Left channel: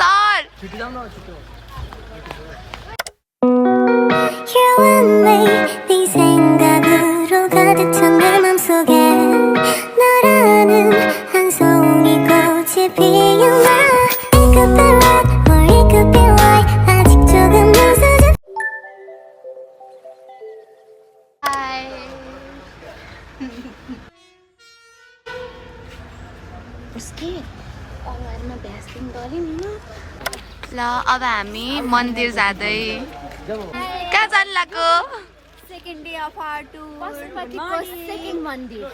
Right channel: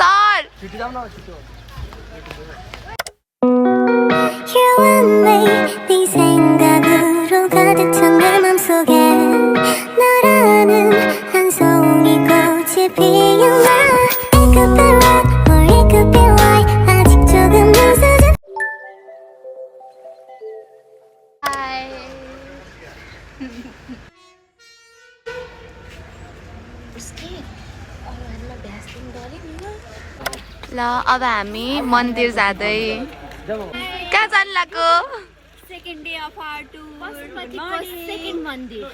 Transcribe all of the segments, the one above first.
Sir You and me 네 생각으로 가득 찬 내 맘속에 너라는 한 송이 꽃이 피었나 It could be right or it could be right 아직 조금 늦어져 ल अब हामी मन्दिर जाँदै कहाँ जानु लाग्यो Second day of our tour. Second Monday.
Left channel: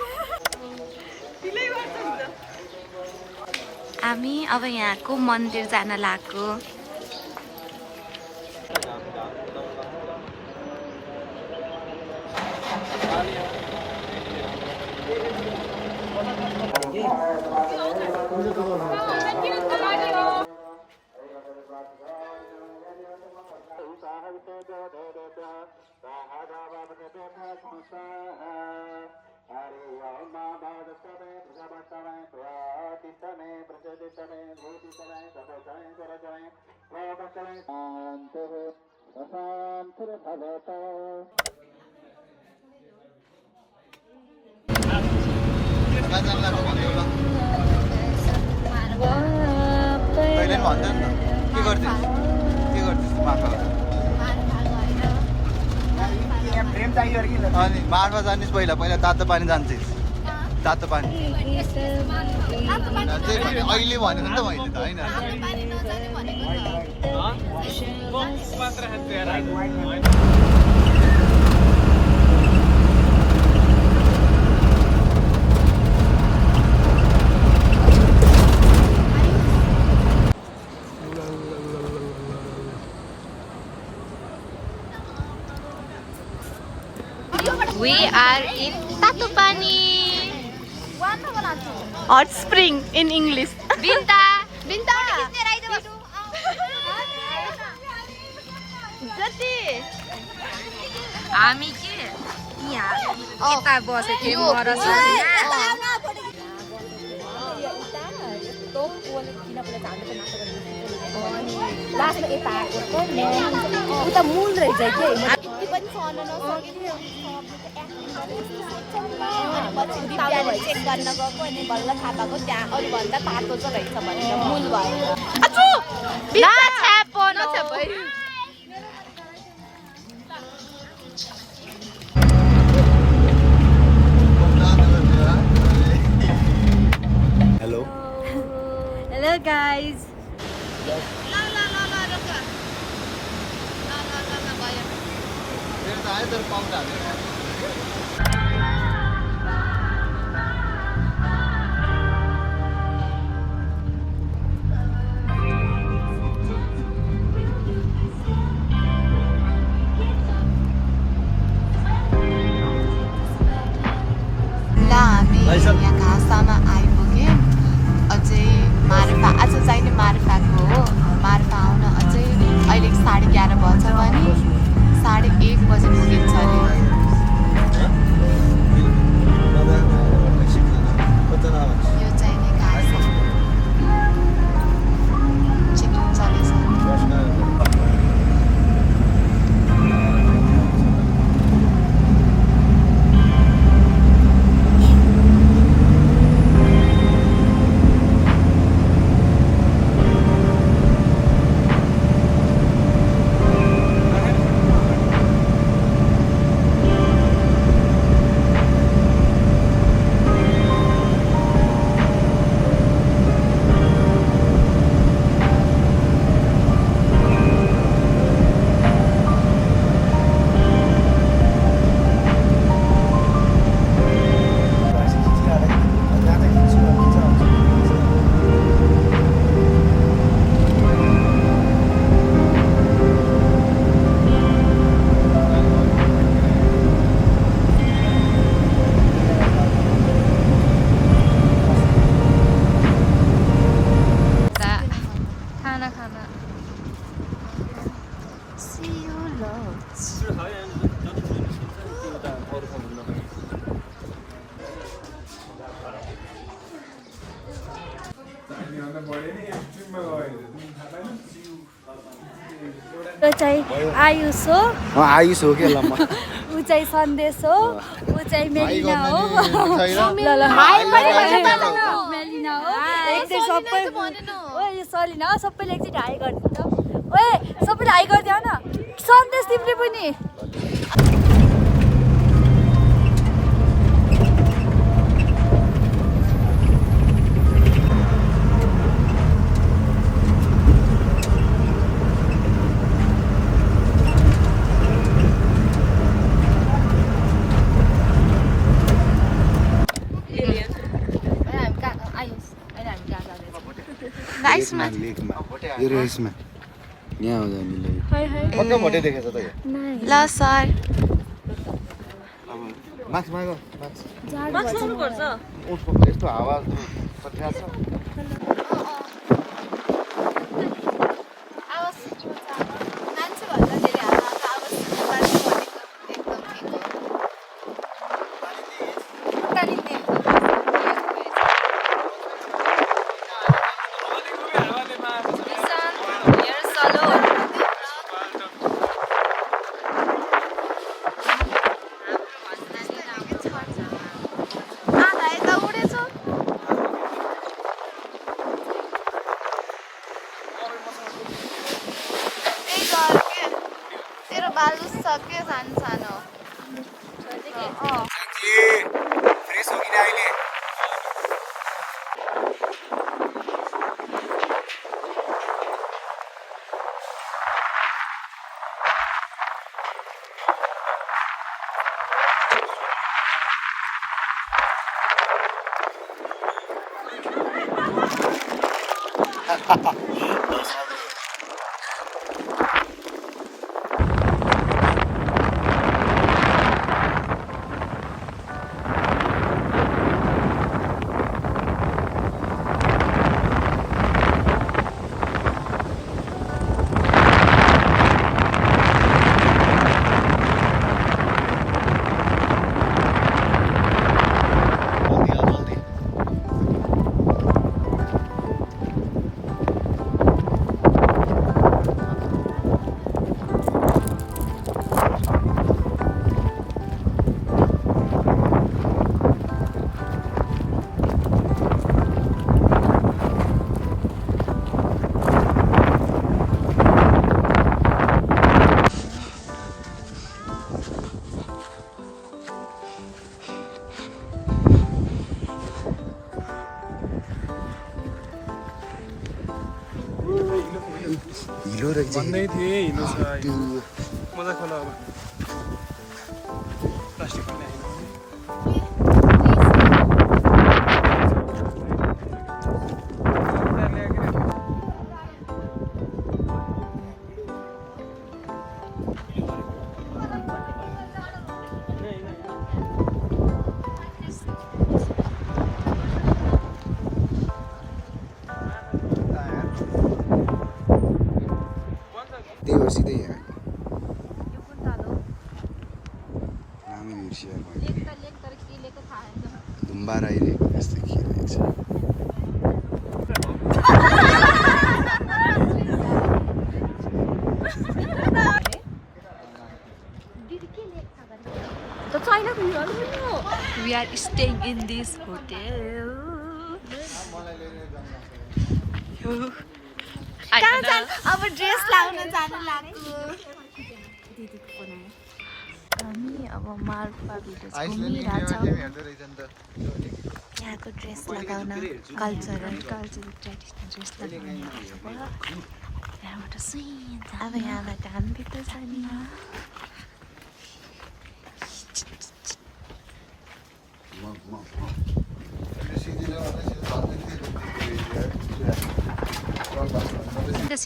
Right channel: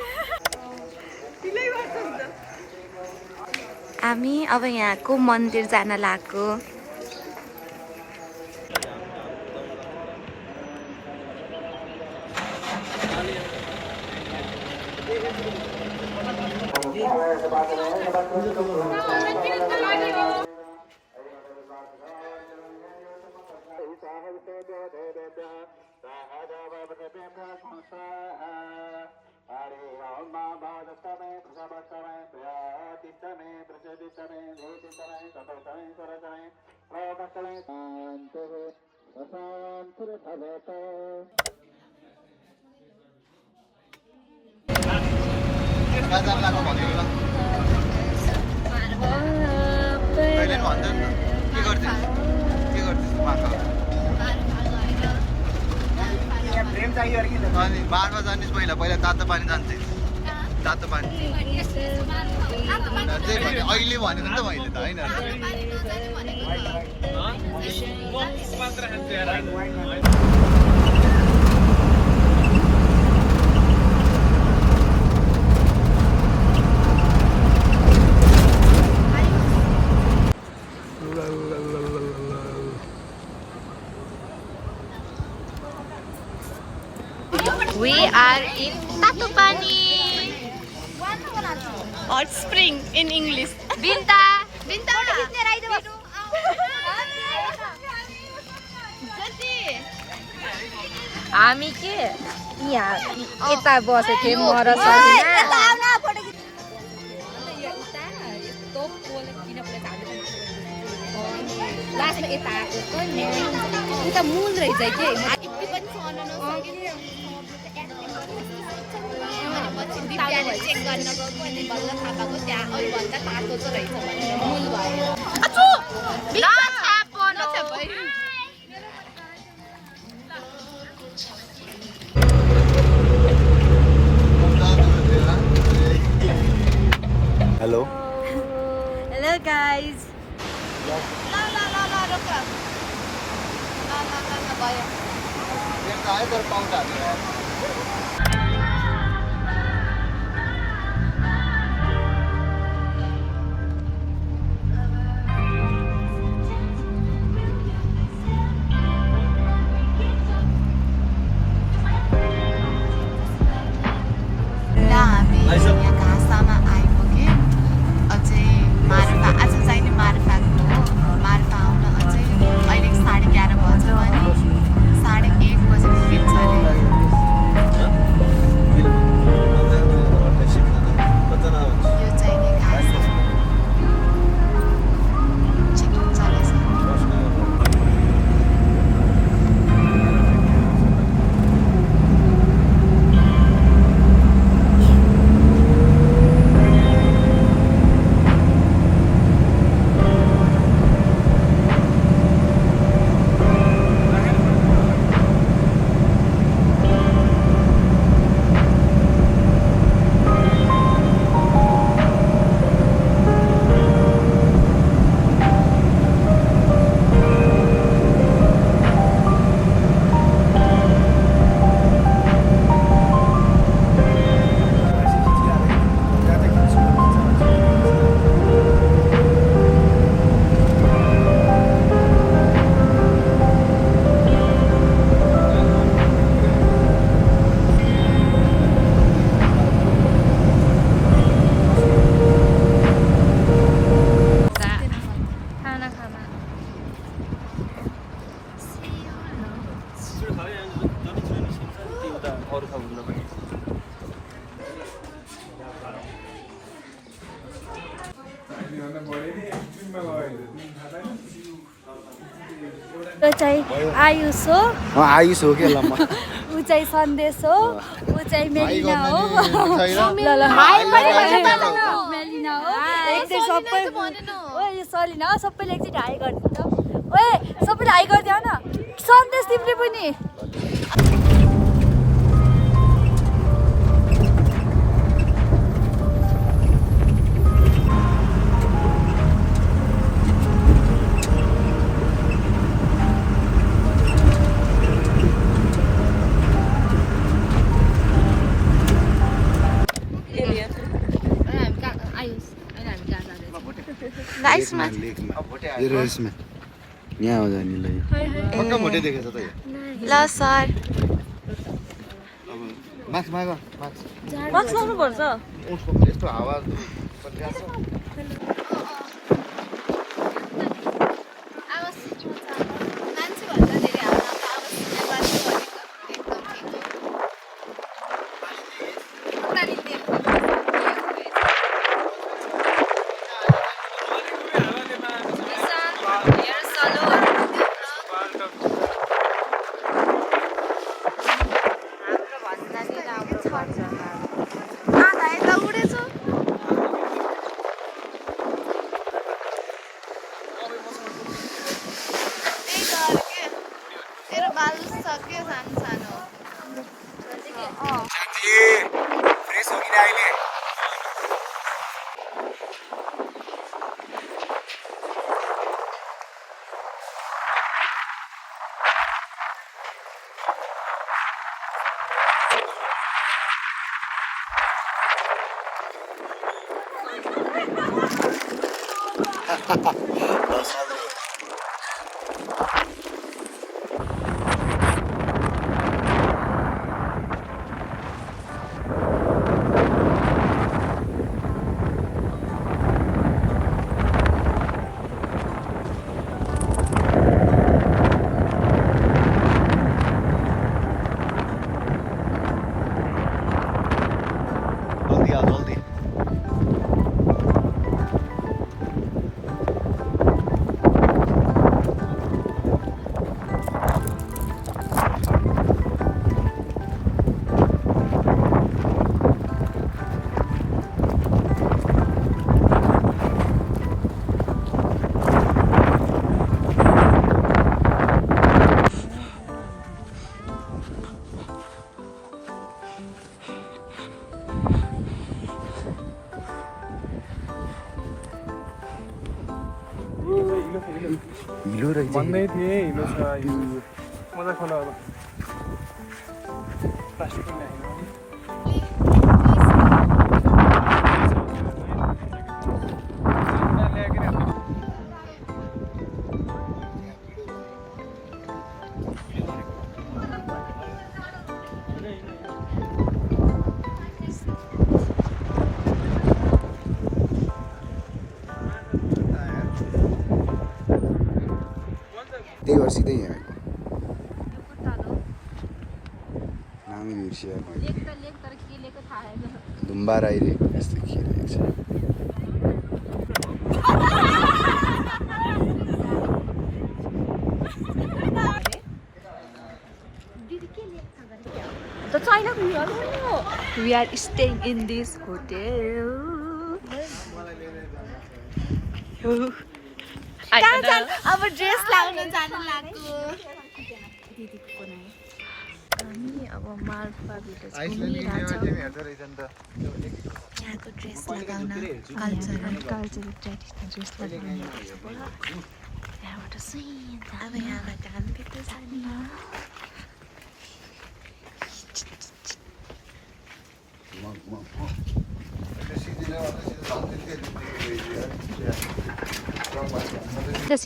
हामी अब यहाँको मन्दिर जान लाग्यो अनि बाँधमा जानिस् पहिला पहिला तातो पानी जान्छ तातो पानी त्यही भने अहिले भनेको नि त मैले त होइन We are in Tatupani. Hot spring in English. Binta. Binta. हामी के यहाँ यता बसेको थियौँ म र सलिना लास्टमा यता आएको उता मूल रहेछ के चेक गर्न गएको अनि बल्ल थाहा पाएको त्यहाँ अरूभन्दा तातो चाहिँ रहेछ भनेर मूल भएर हेलो हेलो गाइज यहाँ घाँसमा आइपुग्यो अझै मार्फा आज जहिले मार्फाको हो मार्फा आउन अझै अहिले 11:30 बज्यो भने 1:30 बजे पुगिन्छ अरे यो चाहिँ आयुष हो, आयुष हो क्या लम्बा ऊ चाहिँ सन्देश हो, ऊ चाहिँ मेलिना हो। मेलिना हो एकचोटि सबै ओए सलिना हो, सबैले एकचोटि हाई गरिदिनु त। ओए सबैले हाई गरिदियो न, सन्देश तिमीले पनि। राइसमा यो रेसमा यहाँ आउँदा नि मोटे देखेछ त ल सर अब मास्क माग मास्क लाउनुपर्छ यस्तो हावा हिलो रहेछ भन्दै थिएँ हिलो छ मजाक हुन अब प्लास्टिक त्यही भएर सिधै यहाँ नामै बिर्सिया मैले धुम्बा राई रे यस्तो के रहेछ We are staying in this hotel. अब ड्रेस लाउन जान लाग्यो हामी अब माल्पा भिलेज यहाँको ड्रेस लगाउन कल्चरल ट्रेडिसनल ड्रेस लगाउने यहाँबाट सुई अब यहाँबाट हामी भित्र जाने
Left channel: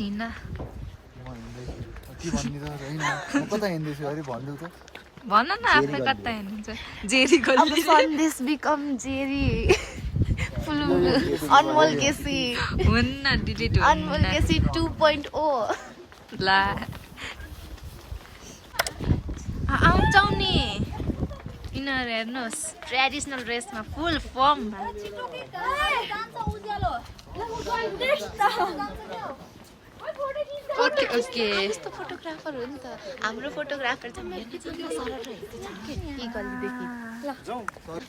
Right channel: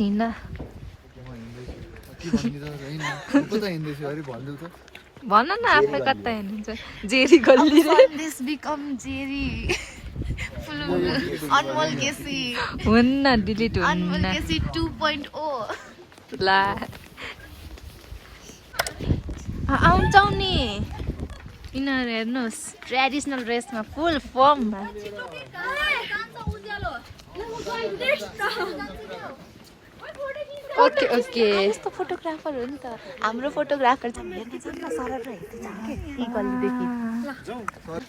हिँड्न भन न आफै कता हिँड्नुहुन्छ जेरी गल्ली दिस बिकम जेरी अनमोल केसी हुन्न डिलिट अनमोल हुन्न केसी 2.0 ला आउँछौ नि यिनीहरू हेर्नुहोस् ट्रेडिसनल ड्रेसमा फुल फर्म ओके ओके यस्तो फोटोग्राफर हो नि त हाम्रो फोटोग्राफर चाहिँ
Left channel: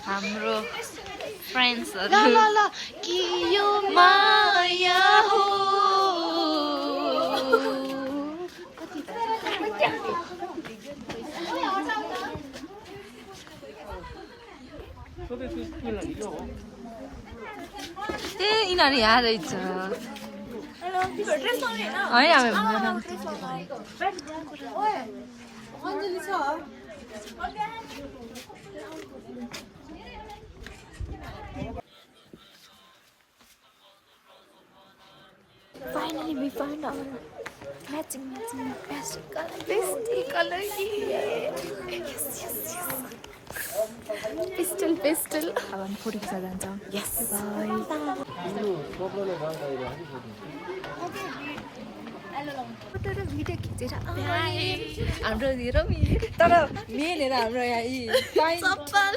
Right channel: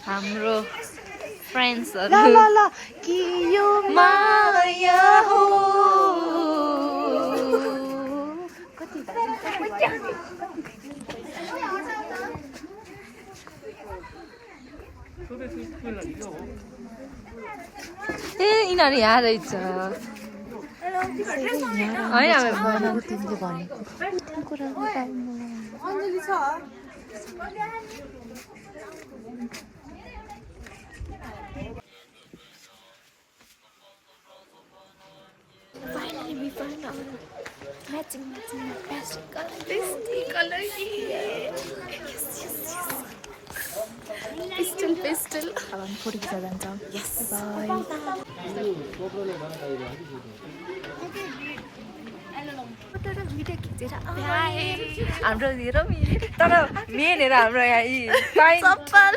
हाम्रो फ्रेन्ड्सहरू कि यो माया हो ए यिनीहरू यहाँ रहेछ होइन Finally, we found our matching pastel color. Pastel. अब हामी फोटो खिच्न जान्छौँ. Yes. Bye. फोटो र भिडियो खिचेर हाम्रो हेरौँ तर मेन हाम्रो यहाँ यी चप्पल.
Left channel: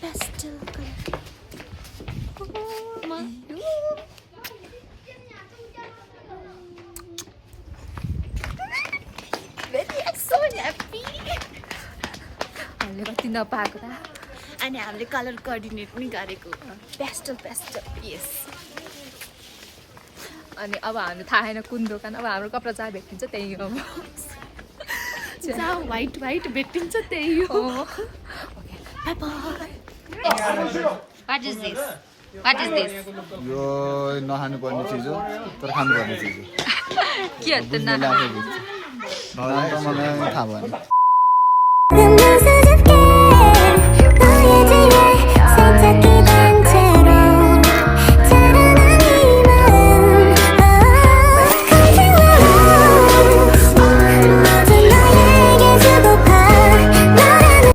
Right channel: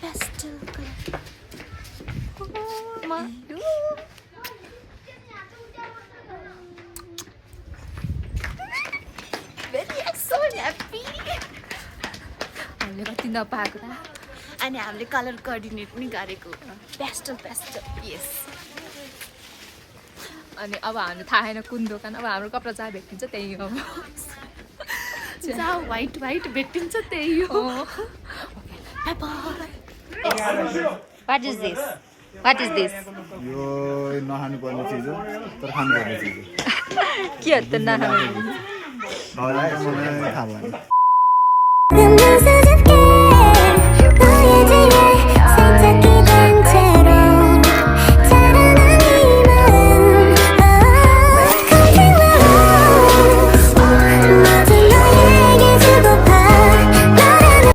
Pastel color. So happy. हामीले कति नपाएको त अनि हामीले कलर कोअर्डिनेट पनि गरेको. Pastel. यस अनि अब हामी थाहा छैन कुन दोकान अब हाम्रो कपडा जहाँ भेटिन्छ त्यही हो जहाँ व्हाइट भेटिन्छ त्यही हो. Bye bye what is this यो नखानु पर्ने चिज हो तर खानु पर्ने चिज हो के हो त नखानु मलाई थाहा भएन